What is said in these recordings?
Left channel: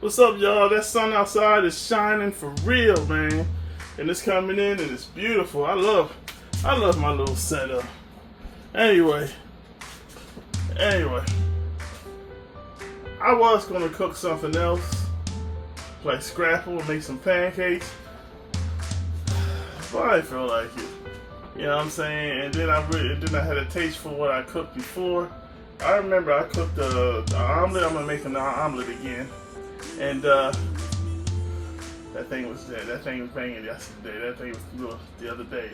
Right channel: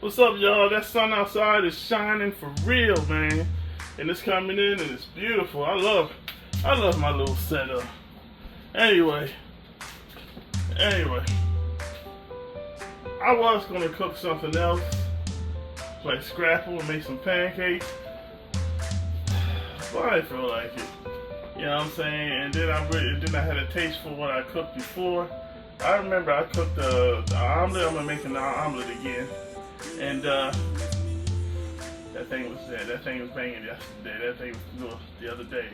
What's up, y'all? That sun outside is shining for real, man. And it's coming in and it's beautiful. I love my little setup. Anyway. I was gonna cook something else, like scrapple and make some pancakes. But I didn't feel like it. You know what I'm saying? And then I had a taste for what I cooked before. I remember I cooked the omelet. I'm gonna make an omelet again. And that thing was banging yesterday. That thing was the other day.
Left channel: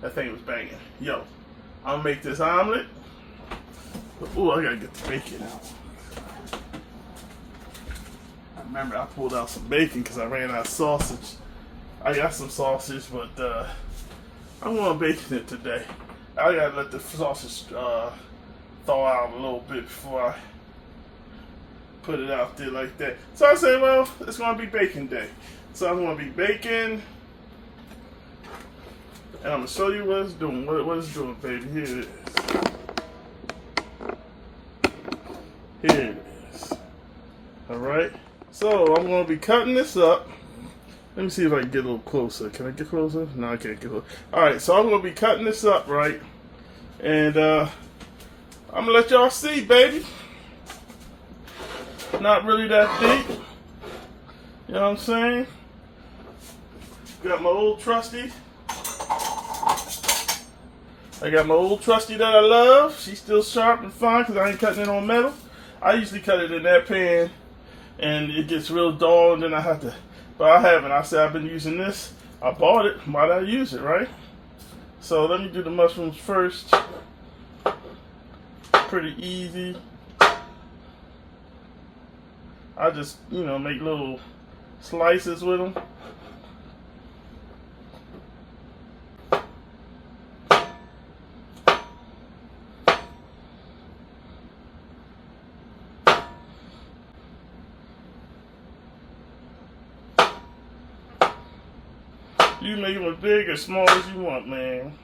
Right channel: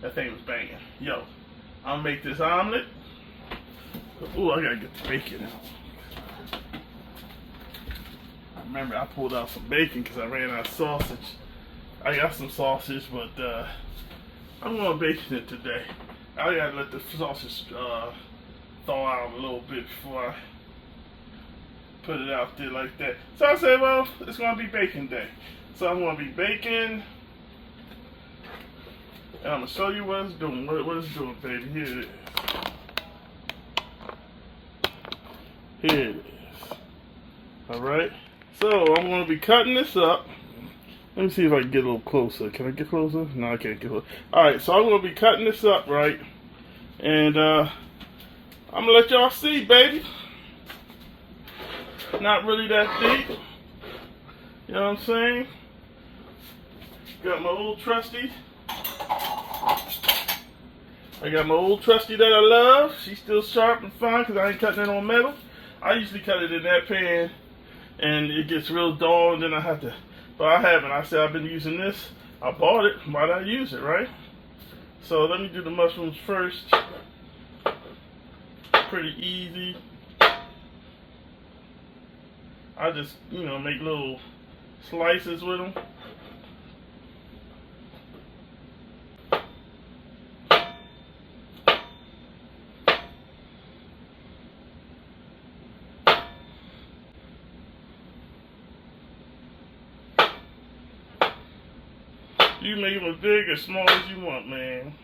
That thing was banging. Yo, I'm gonna make this omelet. Ooh, I gotta get the bacon out. I remember I pulled out some bacon because I ran out of sausage. I got some sausage, but I'm gonna bacon it today. I gotta let the sausage thaw out a little bit before I put it out there like that. So I said, well, it's gonna be bacon day. So I'm gonna be baking, and I'm gonna show you what it's doing. What it's doing, baby. Here it is. Here it is. All right. So I'm gonna be cutting this up. Let me see if I can get a little closer. Can I get closer? No, I can't get closer. All right. So I'm gonna be cutting this up, right? And I'm gonna let y'all see, baby. Not really that deep. You know what I'm saying? Got my old trusty. I got my old trusty that I love. She's still sharp and fine because I ain't cutting it on metal. I usually cut it in that pan and it gets real dull and then I have to, but I haven't. I said I've been using this. I bought it. Why did I use it, right? So let me do the mushrooms first. Pretty easy. I just, make little slices with them. You make them as big or small as you want, man.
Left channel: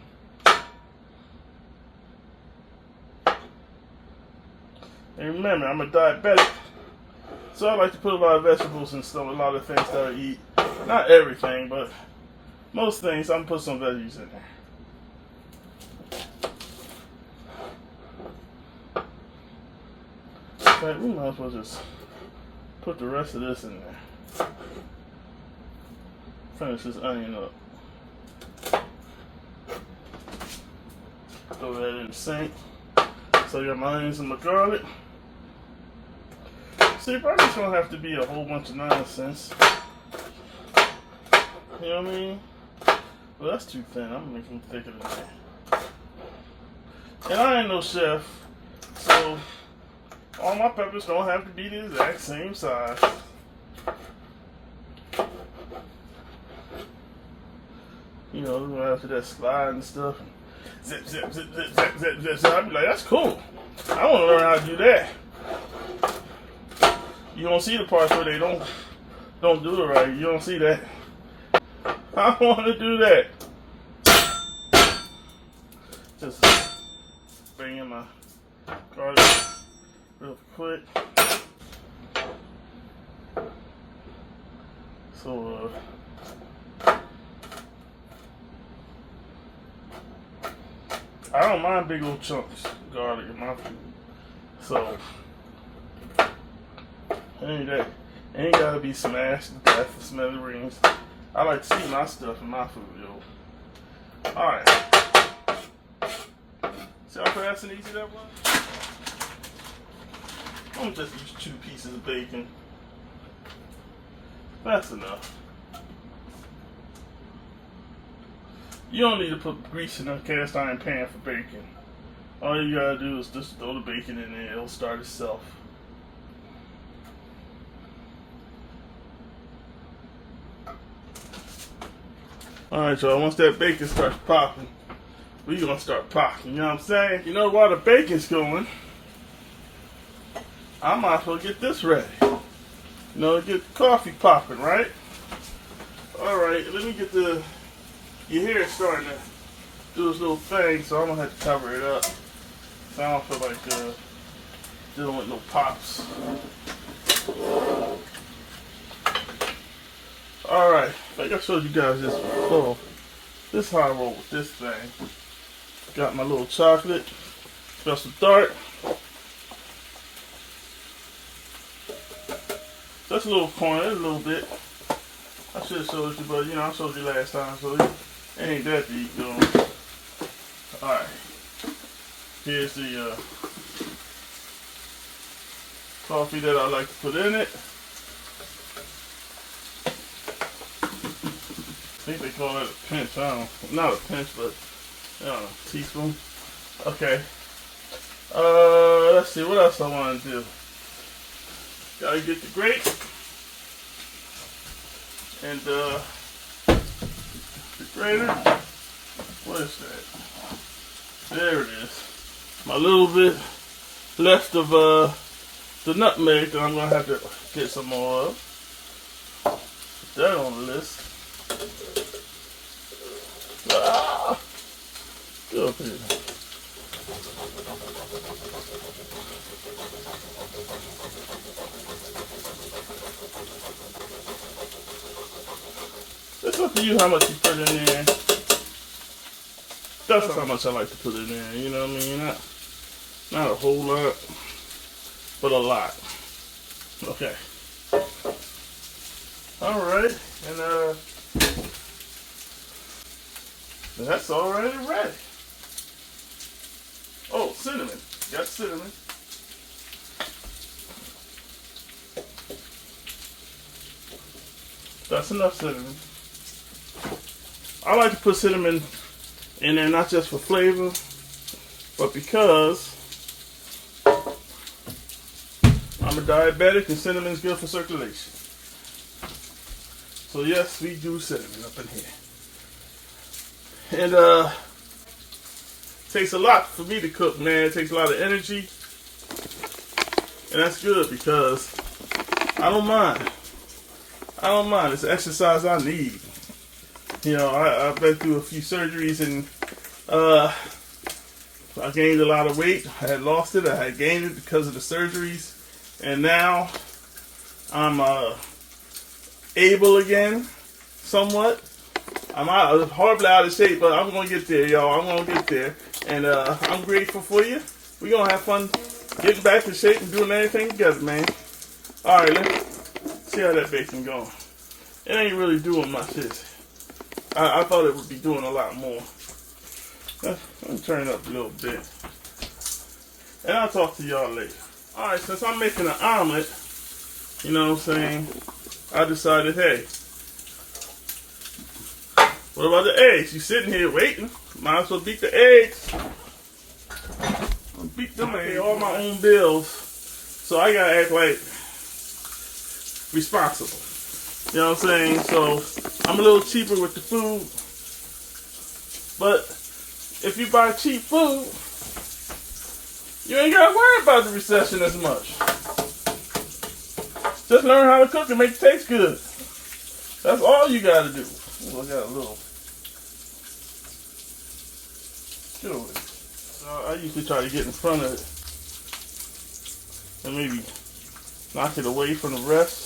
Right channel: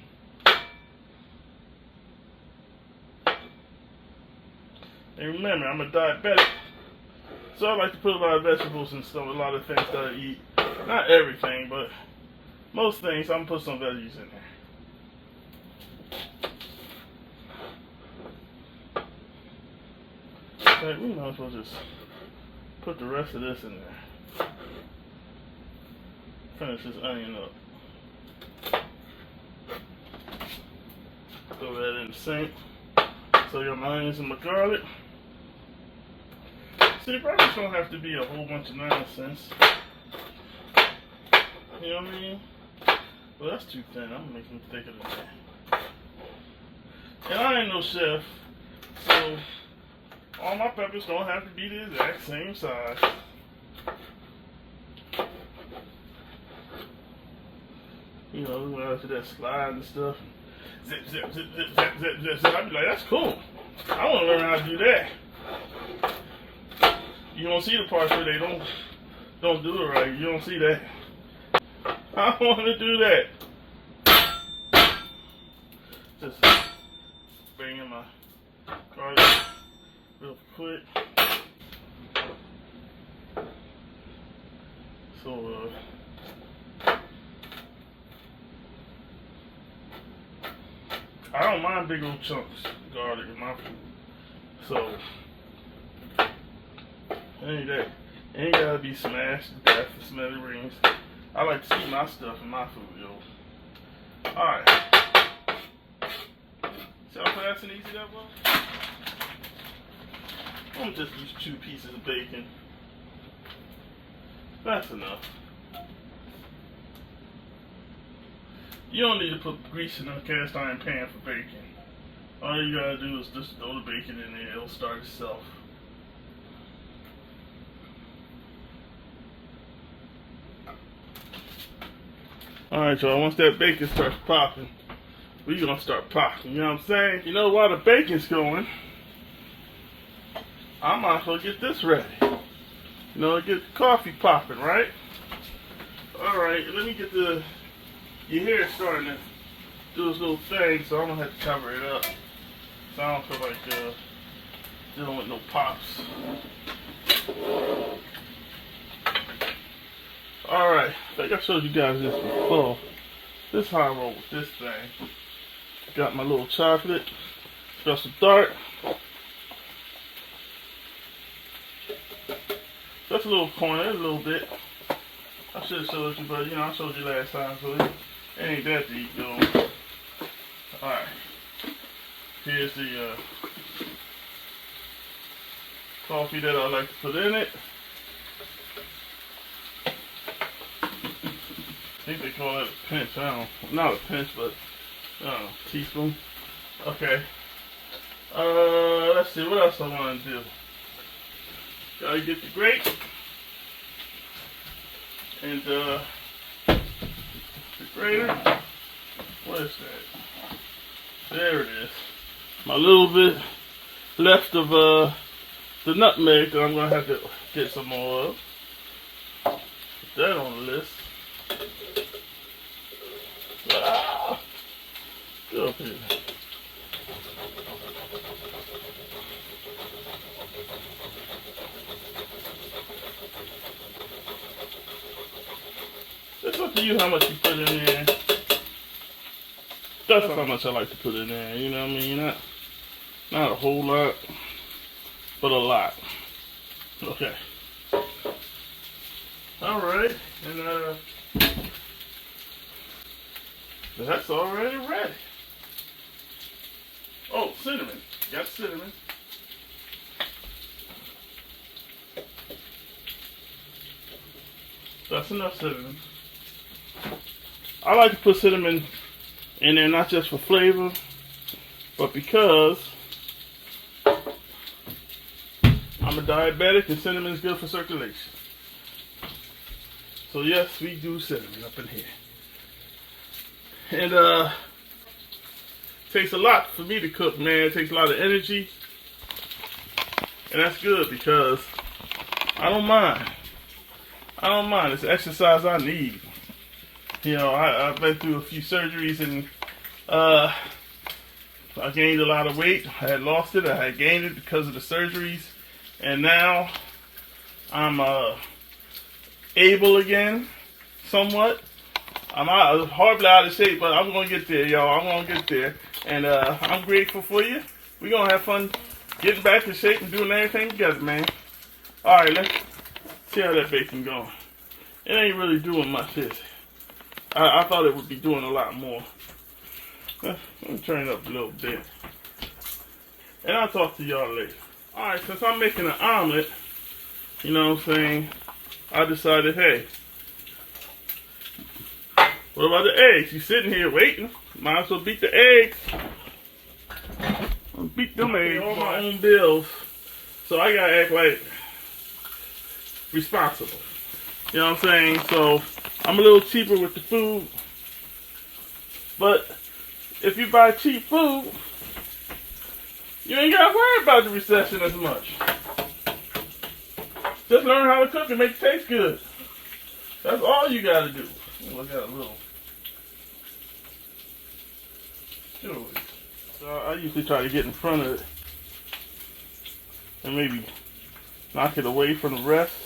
And remember, I'm a diabetic. So I like to put a lot of vegetables and stuff, a lot of things that I eat. Not everything, but most things, I'm going to put some veggies in there. In fact, we might as well just put the rest of this in there. Finish this onion up. Throw that in the sink. So I got my onions and my garlic. See, probably don't have to be a whole bunch of nonsense. You know what I mean? Well, that's too thin. I'm gonna make them thicker than that. And I ain't no chef, so all my peppers don't have to be the exact same size. After that slide and stuff, zip, zip, zip, zip, zip, zip, zip, zip. I'd be like, that's cool. I want to learn how to do that. You don't see the parts where they don't do it right. You don't see that. I want to do that. Just bring in my garlic real quick. So, I don't mind big old chunks of garlic in my food. So, it ain't gotta be smashed to death and smithereens. I like to see my stuff in my food, yo. Alright. See how fast and easy that was? I'm gonna just use 2 pieces of bacon. That's enough. You don't need to put grease in a cast iron pan for bacon. All you gotta do is just throw the bacon in there, it'll start itself. Alright, y'all, once that bacon starts popping, we gonna start popping, you know what I'm saying? While the bacon's going, I might as well get this ready. Get the coffee popping, right? Alright, let me get your hair is starting to do this little thing, so I'm gonna have to cover it up. So I don't feel like dealing with no pops. think I showed you guys this before. This is how I roll with this thing. Got my little chocolate, special dark. Just a little corner, a little bit. I should have showed you, but I showed you last time, so it ain't that deep, though. Alright. Here's the coffee that I like to put in it. I think they call it a pinch. Not a pinch, but teaspoon. Okay. Let's see what else I want to do. Gotta get the grape and the grater. What is that? There it is. My little bit left of the nutmeg that I'm gonna have to get some more of. Put that on the list. Ah, go up here. It's up to you how much you put in there. That's how much I like to put in there, you know what I mean? Not a whole lot, but a lot. Okay. Alright, and that's already ready. Oh, cinnamon. Got cinnamon. That's enough cinnamon. I like to put cinnamon in there not just for flavor, but because I'm a diabetic and cinnamon is good for circulation. So yes, we do cinnamon up in here. And it takes a lot for me to cook, man. It takes a lot of energy. And that's good because I don't mind. I don't mind. It's exercise I need. I've been through a few surgeries and I gained a lot of weight. I had lost it. I had gained it because of the surgeries. And now I'm able again, somewhat. I'm horribly out of shape, but I'm going to get there, y'all. I'm going to get there. And I'm grateful for you. We're going to have fun getting back in shape and doing everything together, man. All right, let's see how that bacon going. It ain't really doing much, is it? I thought it would be doing a lot more. Let me turn it up a little bit. And I'll talk to y'all later. All right, since I'm making an omelet, you know what I'm saying, I decided, hey, what about the eggs? You sitting here waiting. Might as well beat the eggs. Beat them eggs. All my own bills. So I gotta act like responsible. You know what I'm saying? So I'm a little cheaper with the food. But if you buy cheap food, you ain't gotta worry about the recession as much. Just learn how to cook and make it taste good. That's all you gotta do. Oh, I got a little. So I usually try to get in front of it and maybe knock it away from the rest.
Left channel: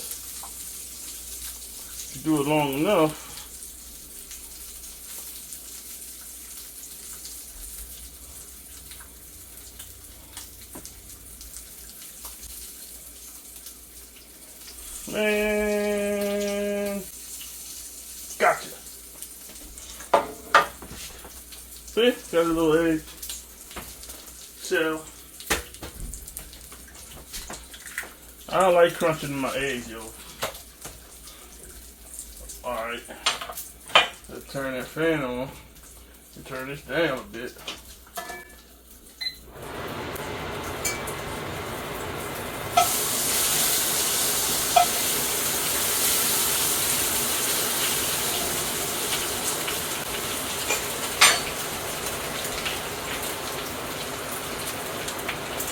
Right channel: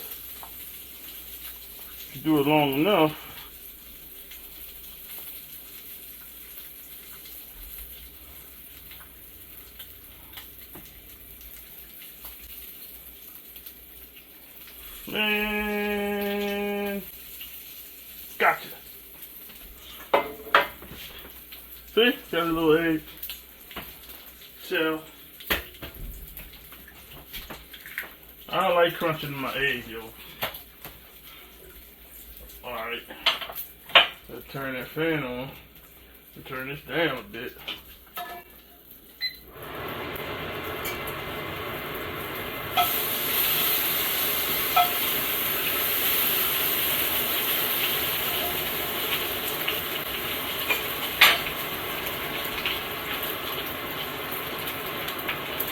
If you do it long enough, man, gotcha. See, got a little egg shell. I don't like crunching my egg, yo. Alright. Let's turn that fan on. Let's turn this down a bit.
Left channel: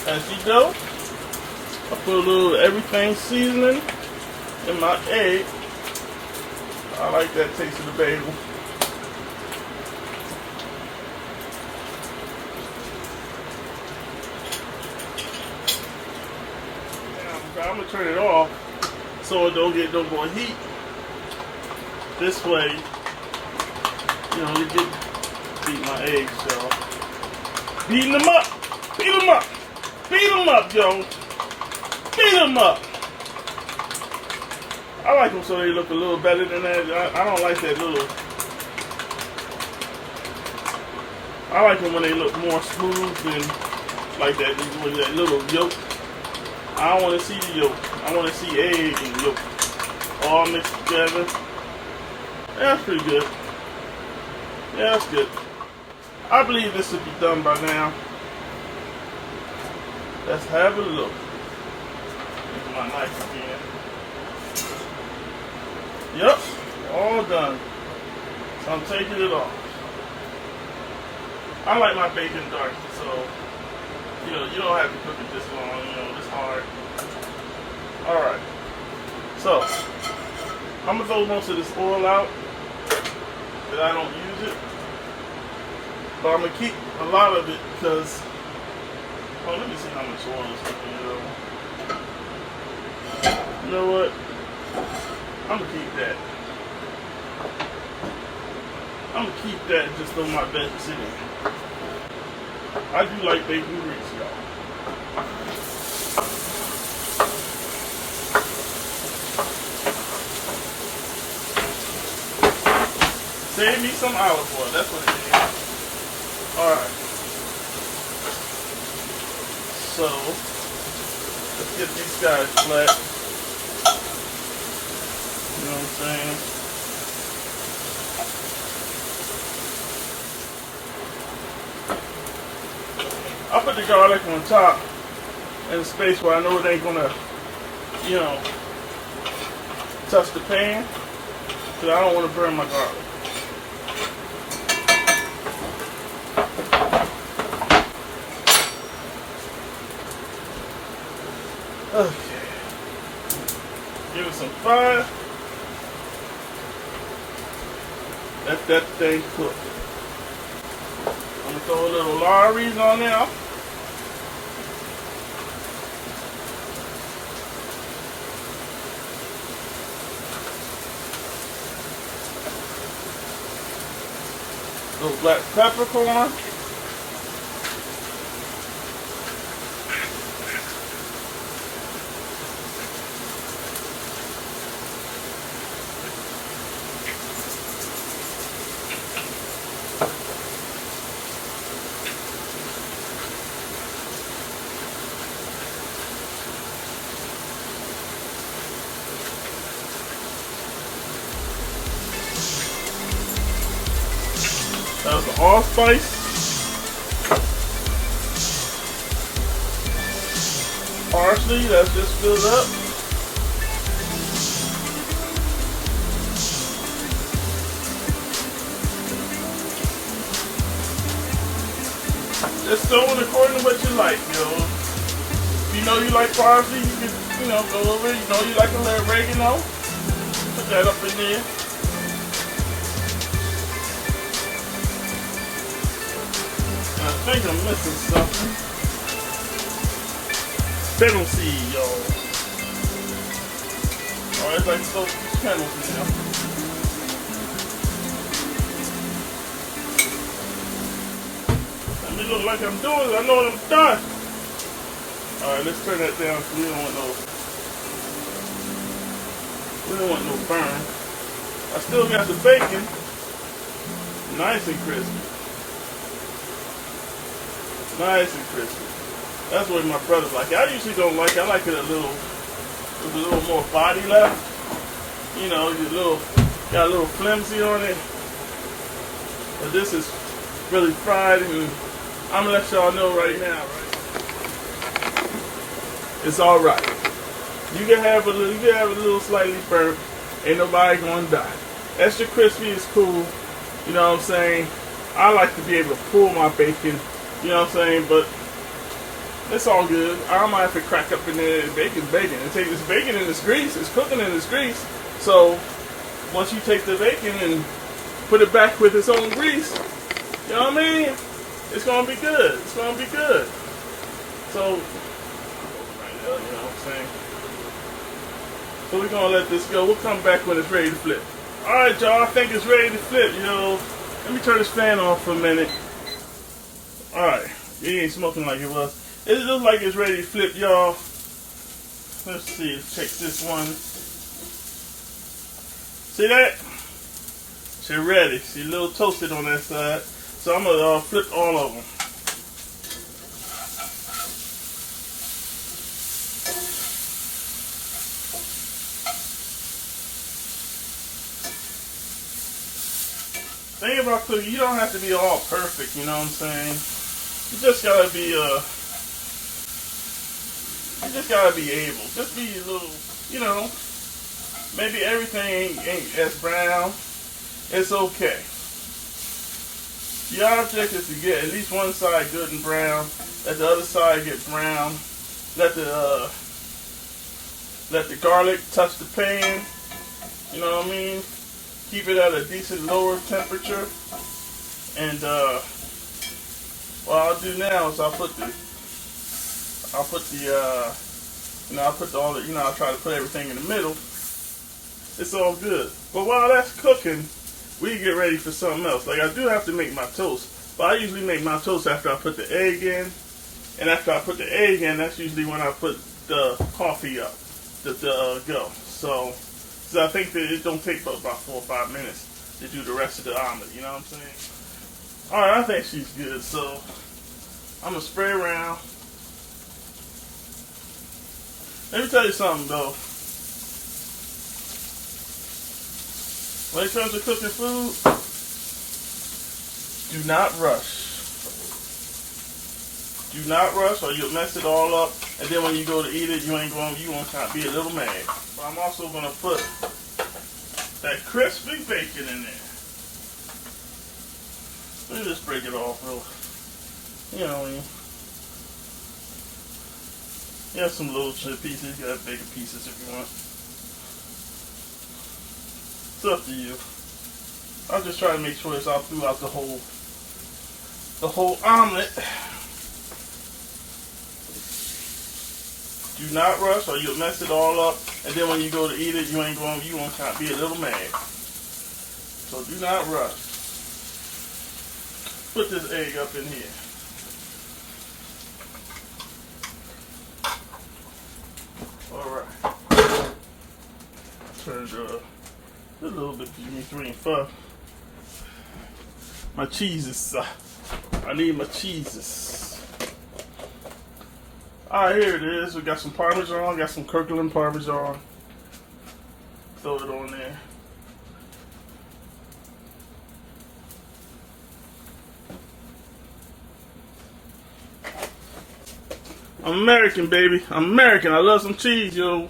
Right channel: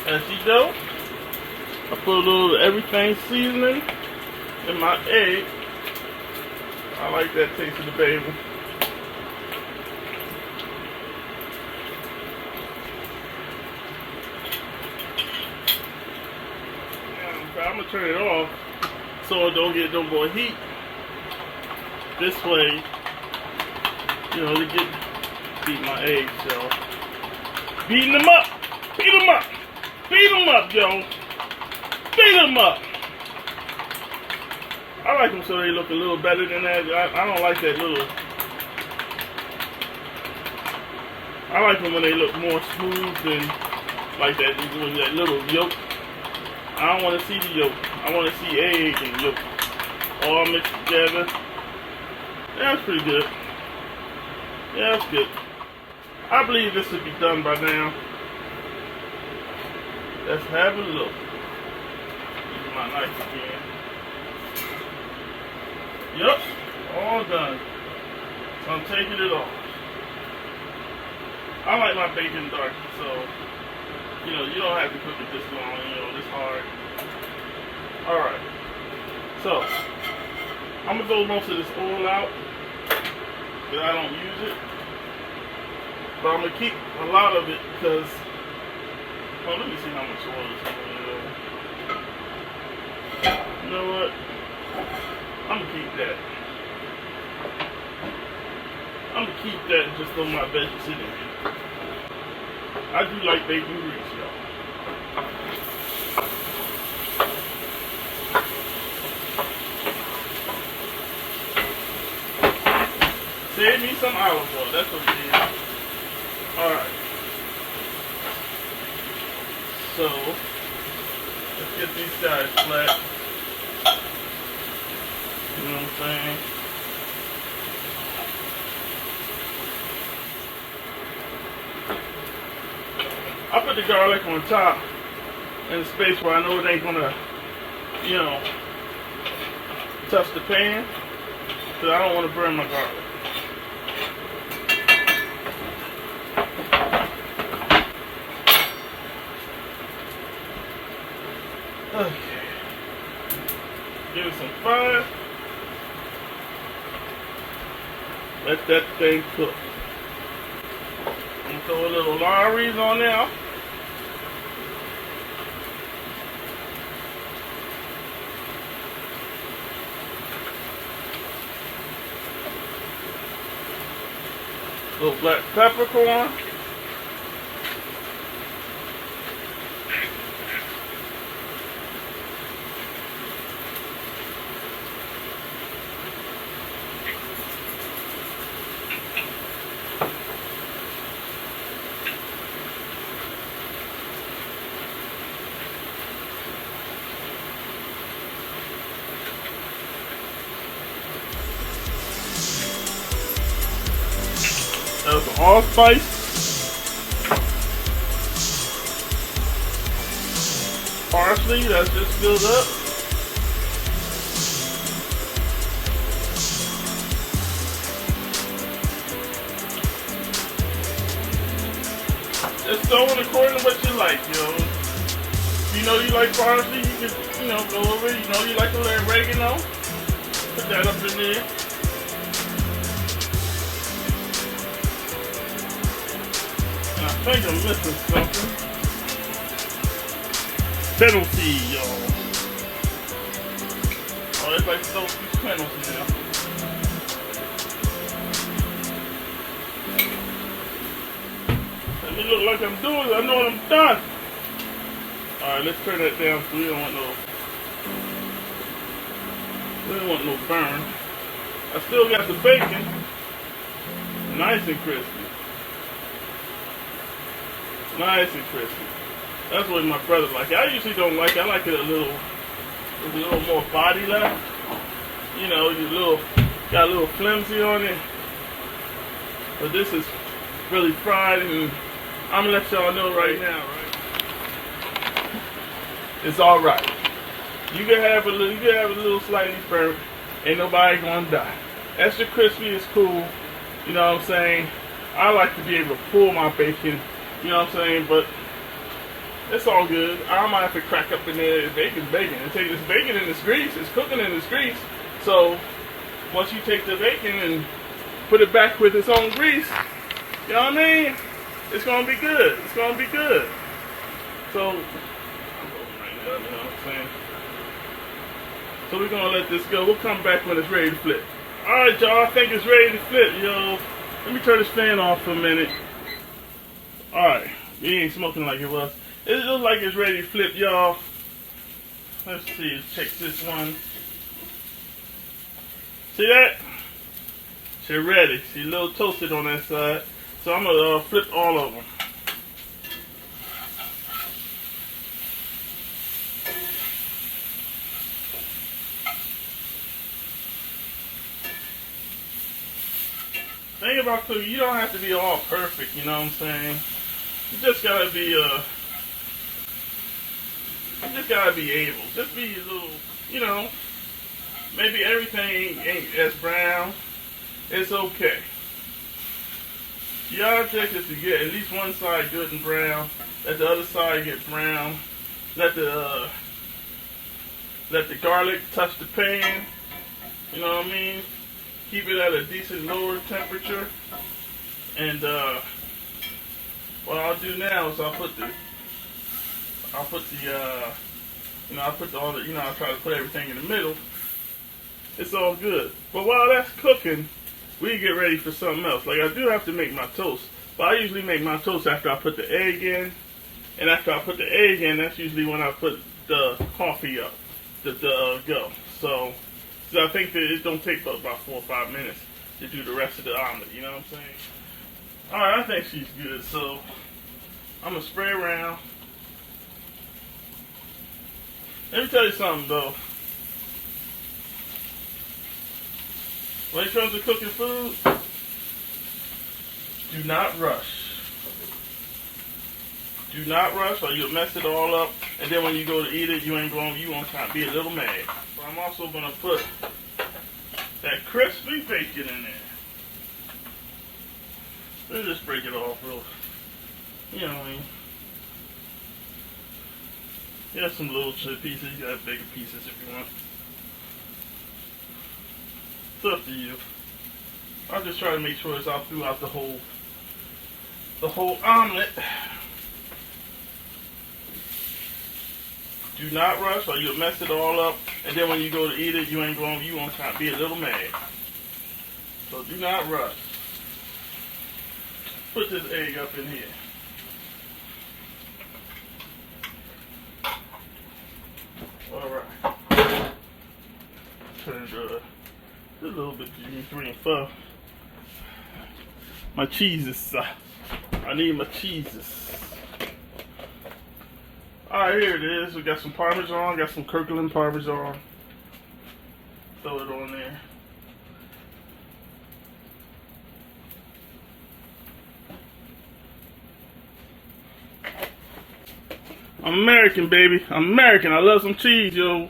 As you know, I put a little everything seasoning in my egg. I like that taste of the bagel. Now, I'm gonna turn it off so it don't get no more heat. this way, you know, to beat my eggs, y'all. Beating them up. Beat them up. Beat them up, yo. Beat them up. I like them so they look a little better than that. I don't like that little. I like them when they look more smooth than like that with that little yolk. I don't want to see the yolk. I want to see egg and yolk all mixed together. Yeah, that's pretty good. Yeah, that's good. I believe this should be done by now. Let's have a look. Use my knife again. Yep, all done. So I'm taking it off. I like my bacon dark, so you know, you don't have to cook it this long, you know, this hard. Alright. So I'm gonna throw most of this oil out that I don't use it. But I'm gonna keep a lot of it because, well, let me see how much oil is going to go. You know what? I'm gonna keep that. I'm gonna keep that and just throw my bacon in there. I do like bacon grease, y'all. Save me some olive oil. That's what it is. Alright. So, let's get these guys flat. You know what I'm saying? I put the garlic on top in a space where I know it ain't gonna, you know, touch the pan, because I don't want to burn my garlic. Okay. Give it some fire. Let that thing cook. I'm gonna throw a little Lawry's on there. Little black peppercorn. That was the allspice. Parsley, that's just filled up. Just throw it according to what you like, you know. If you know you like parsley, you can, you know, go over it. You know you like a little oregano, put that up in there. I think I'm missing something. Fennel seed, y'all. Oh, it's like so fennel seed now. Let me look like I'm doing it. I know what I'm done. Alright, let's turn that down so we don't want no burn. I still got the bacon. Nice and crispy. Nice and crispy. That's what my brother like. I usually don't like it. I like it a little more body left. You know, got a little flimsy on it. But this is really fried, and I'm gonna let y'all know right now. It's all right. You can have a little slightly burnt. Ain't nobody gonna die. Extra crispy is cool. You know what I'm saying? I like to be able to pull my bacon. You know what I'm saying? But it's all good. I might have to crack up in there. Bacon's bacon. It's bacon in this grease. It's cooking in this grease. So once you take the bacon and put it back with its own grease, you know what I mean? It's gonna be good. It's gonna be good. So, you know what I'm saying? So we're gonna let this go. We'll come back when it's ready to flip. Alright, y'all, I think it's ready to flip, yo. Let me turn this fan off for a minute. Alright, it ain't smoking like it was. It looks like it's ready to flip, y'all. Let's see, let's check this one. See that? She's ready. She's a little toasted on that side. So I'm gonna flip all of them. Thing about cooking, you don't have to be all perfect, you know what I'm saying? You just gotta be able. Just be a little, you know, maybe everything ain't as brown. It's okay. The object is to get at least one side good and brown. Let the other side get brown. Let the garlic touch the pan. You know what I mean? Keep it at a decent lower temperature. And what I'll do now is I'll put I try to put everything in the middle. It's all good. But while that's cooking, we get ready for something else. Like, I do have to make my toast, but I usually make my toast after I put the egg in. And after I put the egg in, that's usually when I put the coffee up, the go. So I think that it don't take but about 4 or 5 minutes to do the rest of the omelet. You know what I'm saying? All right, I think she's good. So I'm gonna spray around. Let me tell you something though. When it comes to cooking food, do not rush. Do not rush or you'll mess it all up. And then when you go to eat it, you won't kind of be a little mad. But I'm also going to put that crispy bacon in there. Let me just break it off real. You know what I mean? You have some little pieces. You got bigger pieces if you want. It's up to you. I'll just try to make sure it's all throughout the whole omelet. Do not rush or you'll mess it all up. And then when you go to eat it, you won't kind of be a little mad. So do not rush. Put this egg up in here. Alright. Turn it a little bit between 3 and 4. My cheeses. I need my cheeses. Alright, here it is. We got some Parmesan, got some Kirkland Parmesan. Throw it on there. I'm American, baby. I'm American. I love some cheese, yo.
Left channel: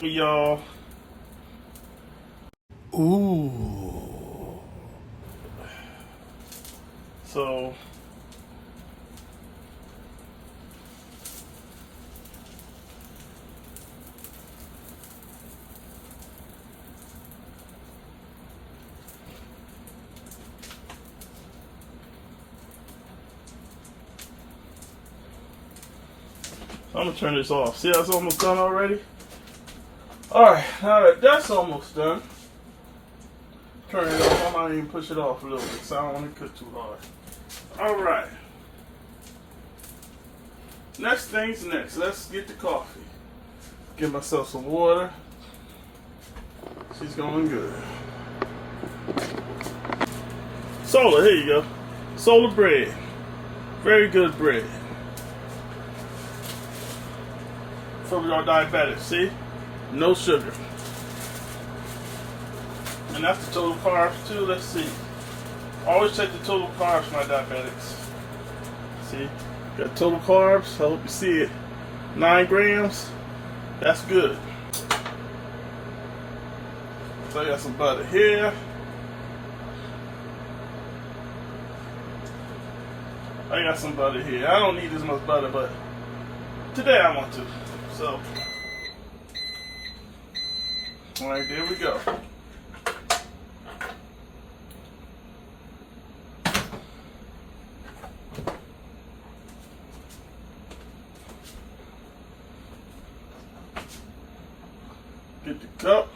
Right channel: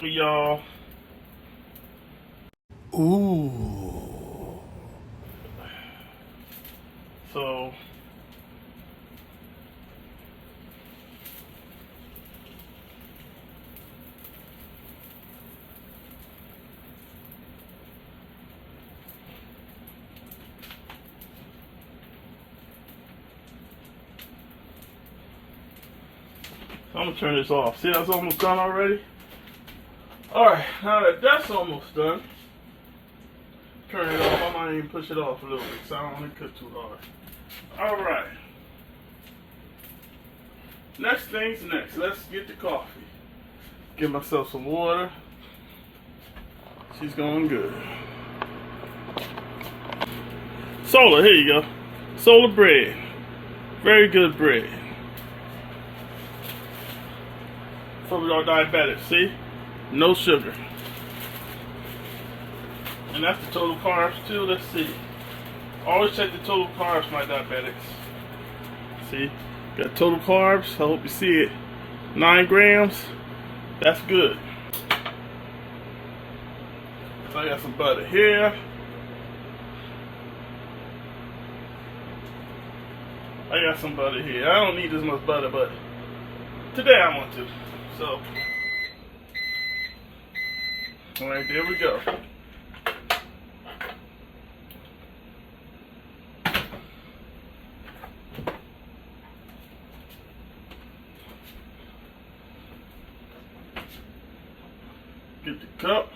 Y'all. Ooh. So I'm gonna turn this off. See how it's almost done already? Alright, now that that's almost done, turn it off. I might even push it off a little bit so I don't want to cook too hard. Alright. Next thing's next. Let's get the coffee. Get myself some water. She's going good. Solar, here you go. Solar bread. Very good bread. For our diabetics, see? No sugar. And that's the total carbs too. Let's see. Always check the total carbs for my diabetics. See? Got total carbs. I hope you see it. 9 grams. That's good. So I got some butter here. I got some butter here. I don't need as much butter, but today I want to. So, alright, there we go. Get the cup.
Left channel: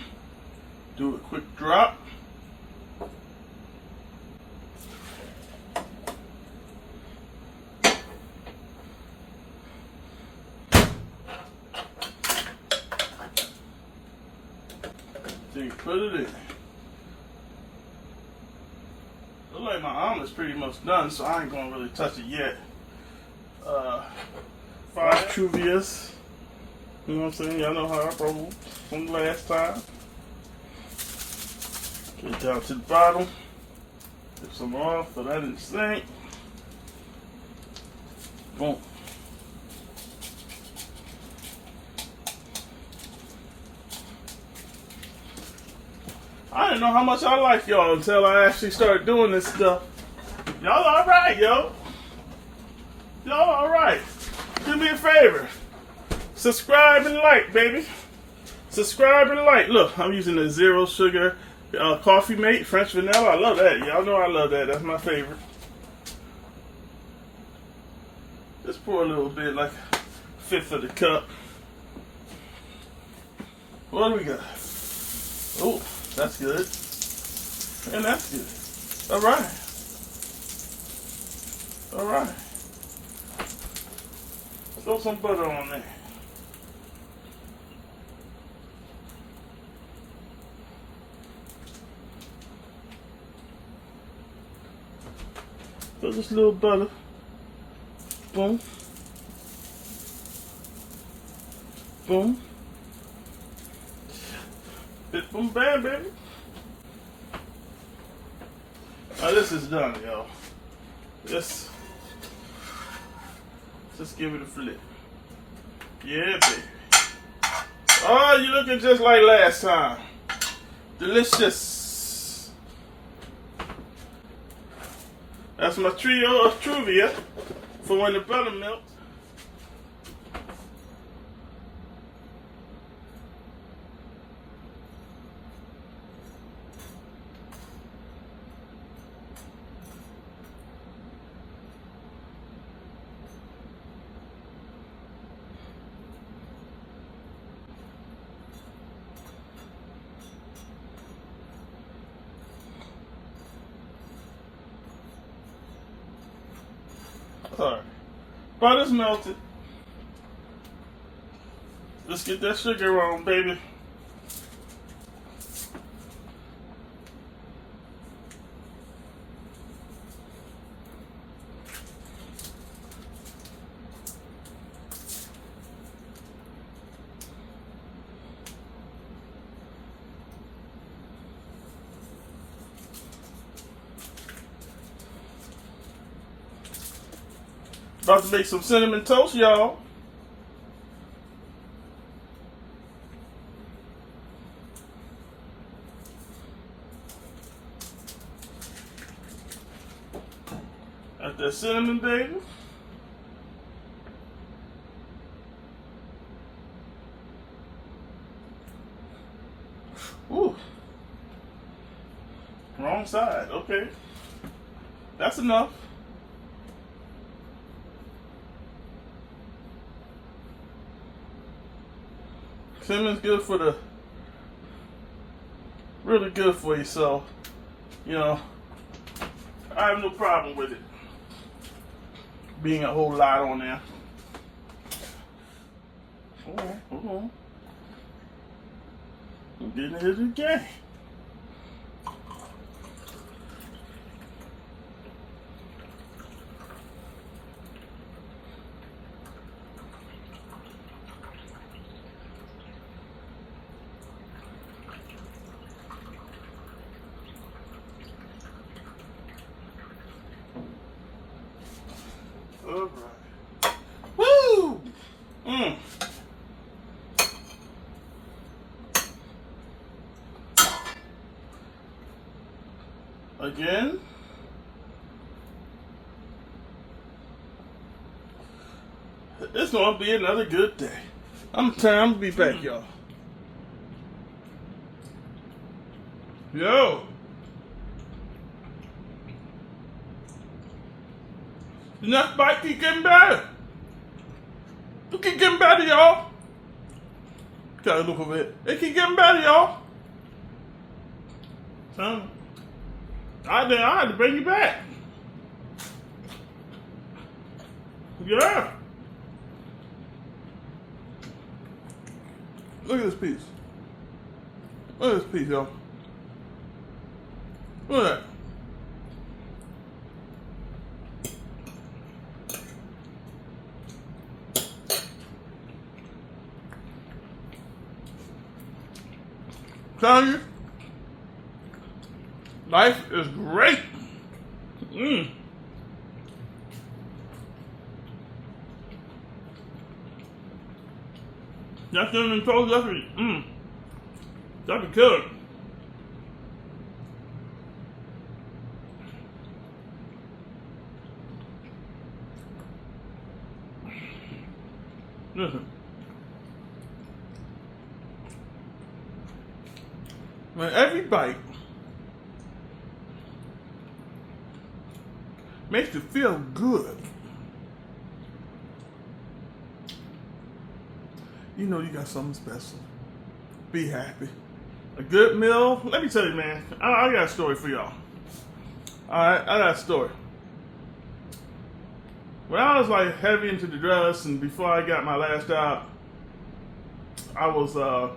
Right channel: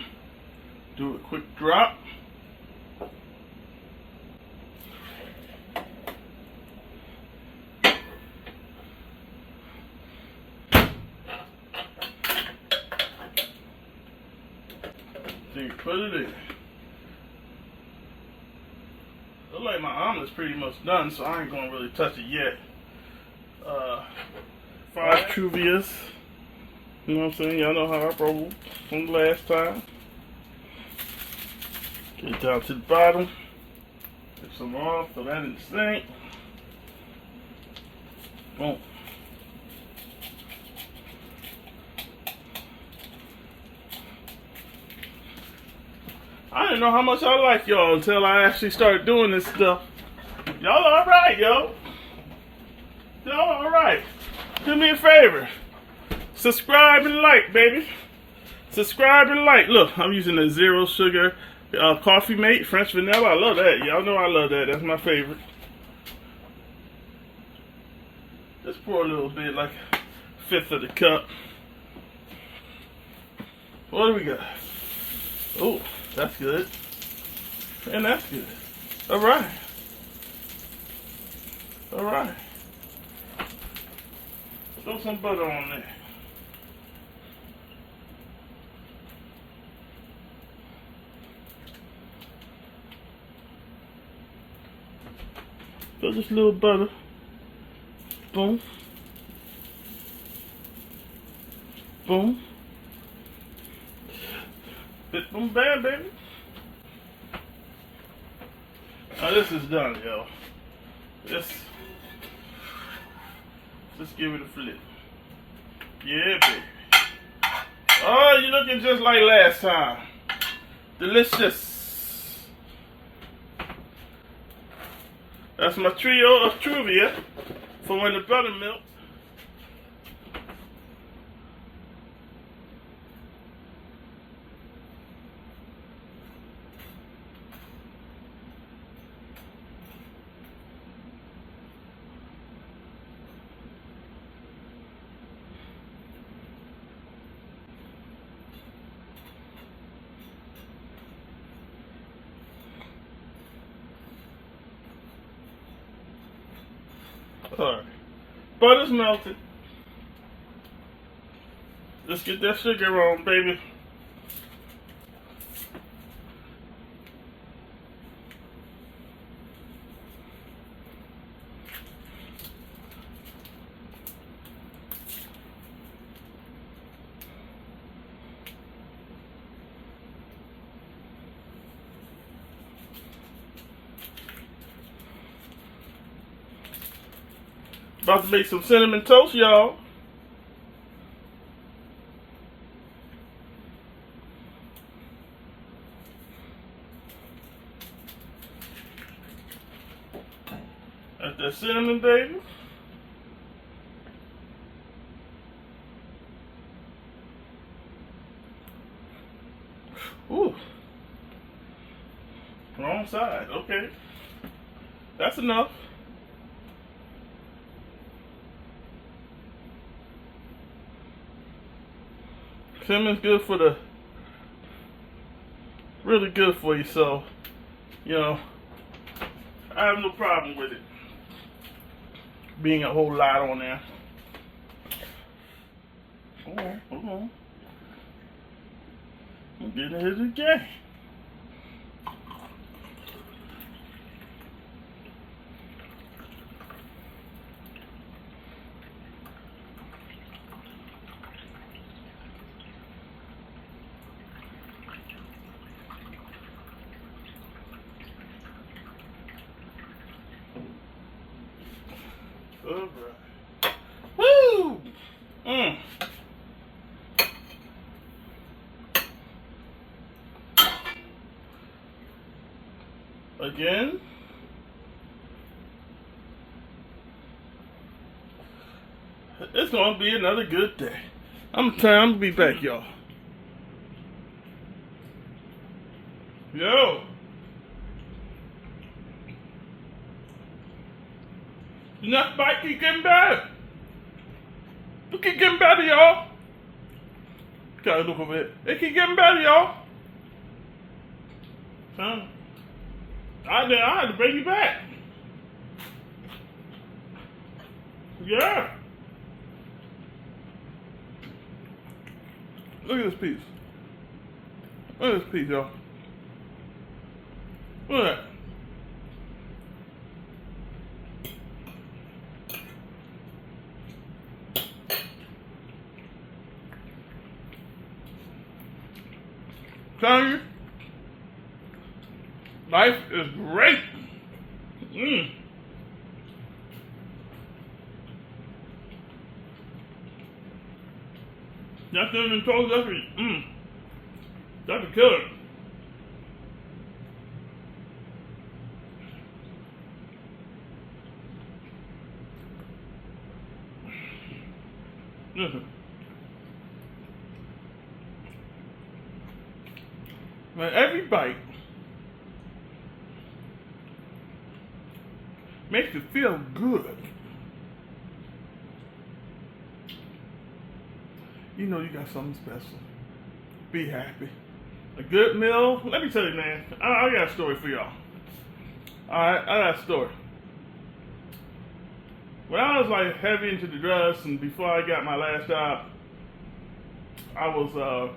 Do a quick drop. Then you put it in. Look like my omelet's pretty much done, so I ain't gonna really touch it yet. 5 Truvias. You know what I'm saying? Y'all know how I roll from last time. Get it down to the bottom. Get some off, so that in the sink. Boom. I didn't know how much I like y'all until I actually started doing this stuff. Y'all alright, yo. Y'all alright. Do me a favor. Subscribe and like, baby. Subscribe and like. Look, I'm using the 0 sugar coffee mate, French vanilla. I love that. Y'all know I love that. That's my favorite. Just pour a little bit, like 1/5 of the cup. What do we got? Oh, that's good. And that's good. Alright. Alright. Throw some butter on there. Throw just a little butter. Boom. Boom. Hit boom bam, baby. Now this is done, yo. Just give it a flip. Yeah, baby. Oh, you're looking just like last time. Delicious. That's my trio of Truvia for when the butter melts. Alright, butter's melted. Let's get that sugar on, baby. About to make some cinnamon toast, y'all. Got that cinnamon, baby. Ooh. Wrong side. Okay. That's enough. Cinnamon's good for the, really good for you, so, you know, I have no problem with it being a whole lot on there. Alright, hold on. I'm getting ahead of the game. All right. Woo! Again. It's gonna be another good day. I'm trying to be back, y'all. Yo. The next bite keep getting better. It keep getting better, y'all. Gotta look over it. It keep getting better, y'all. So, I had to bring you back. Yeah. Look at this piece. Look at this piece, y'all. Look at that. Tell you, life is great. That cinnamon toast, that's a killer. Listen. Man, every bite makes you feel good. You know you got something special. Be happy. A good meal. Let me tell you, man, I got a story for y'all. Alright, I got a story. When I was like heavy into the drugs and before I got my last job, I was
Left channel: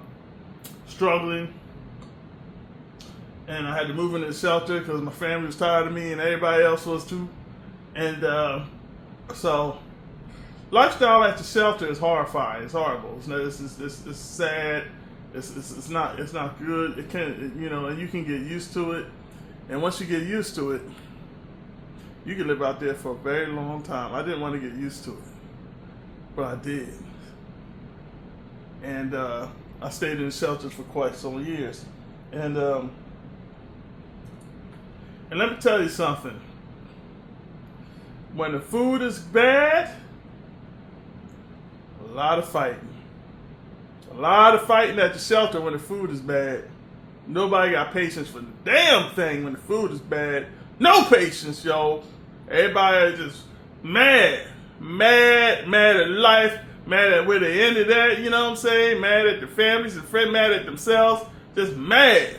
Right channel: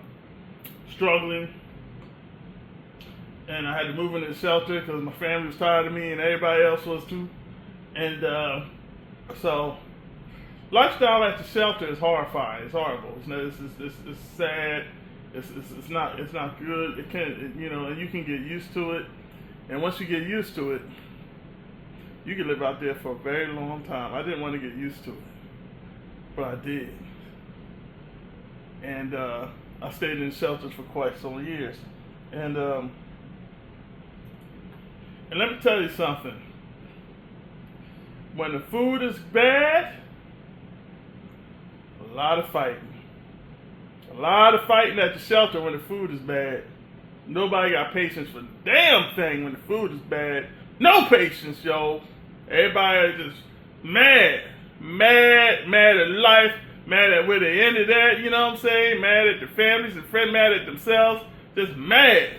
struggling. And I had to move into the shelter because my family was tired of me and everybody else was too. And so lifestyle at the shelter is horrifying. It's horrible. It's sad. It's not good. It can't, you know, and you can get used to it. And once you get used to it, you can live out there for a very long time. I didn't want to get used to it, but I did. And I stayed in shelters for quite some years. And let me tell you something. When the food is bad, a lot of fighting. A lot of fighting at the shelter when the food is bad. Nobody got patience for the damn thing when the food is bad. No patience, yo. Everybody is just mad at life, mad at where they ended at, you know what I'm saying? Mad at their families and friends, mad at themselves, just mad.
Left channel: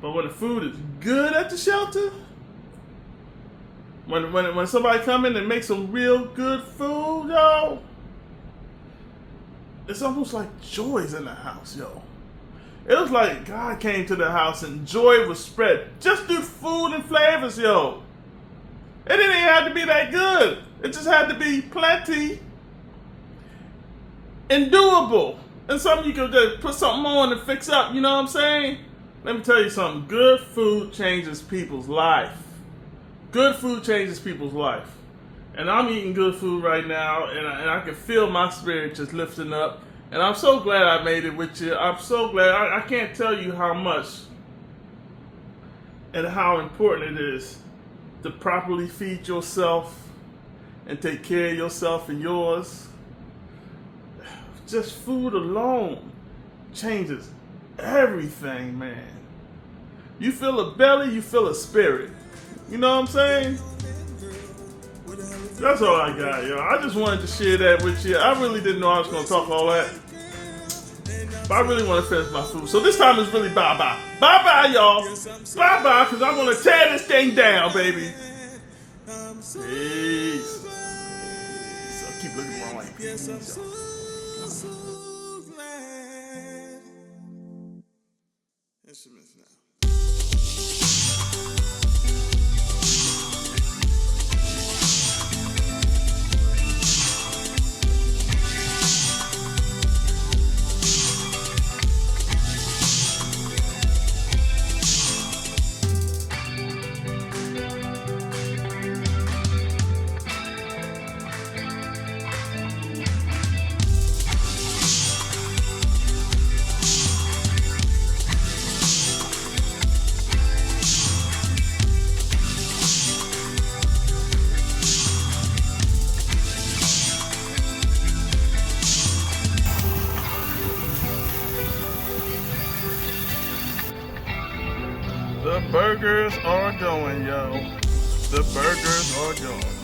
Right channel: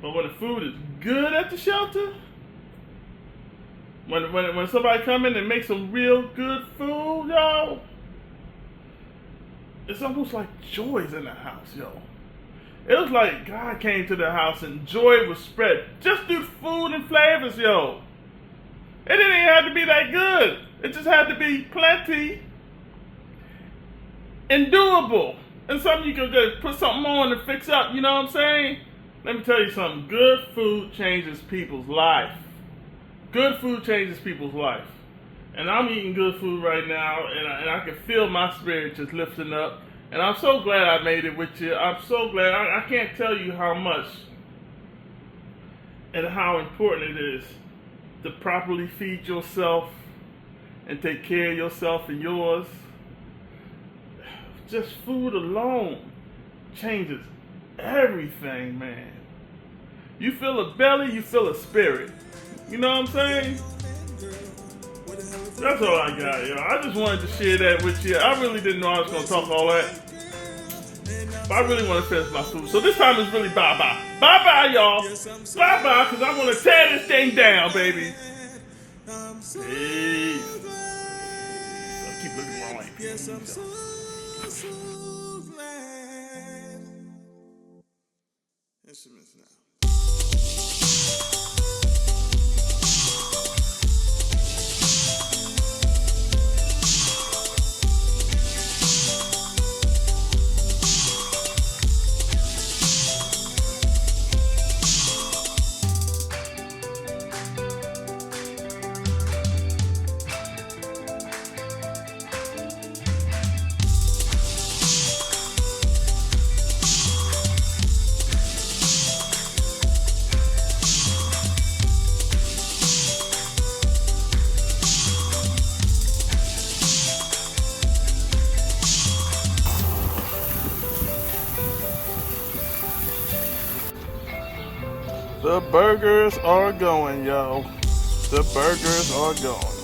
But when the food is good at the shelter, when somebody come in and make some real good food, yo, it's almost like joy's in the house, yo. It was like God came to the house and joy was spread. Just through food and flavors, yo. It didn't even have to be that good. It just had to be plenty and doable. And something you could just put something on and fix up, you know what I'm saying? Let me tell you something. Good food changes people's life. Good food changes people's life. And I'm eating good food right now, and I can feel my spirit just lifting up. And I'm so glad I made it with you. I'm so glad. I can't tell you how much and how important it is to properly feed yourself and take care of yourself and yours. Just food alone changes everything, man. You feel a belly, you feel a spirit. You know what I'm saying? That's all I got, yo. I just wanted to share that with you. I really didn't know I was going to talk all that. But I really want to finish my food. So this time it's really bye-bye. Bye-bye, y'all. Bye-bye, because I'm going to tear this thing down, baby. Peace. I keep looking wrong like peace. Instruments now. The burgers are going, yo. The burgers are going.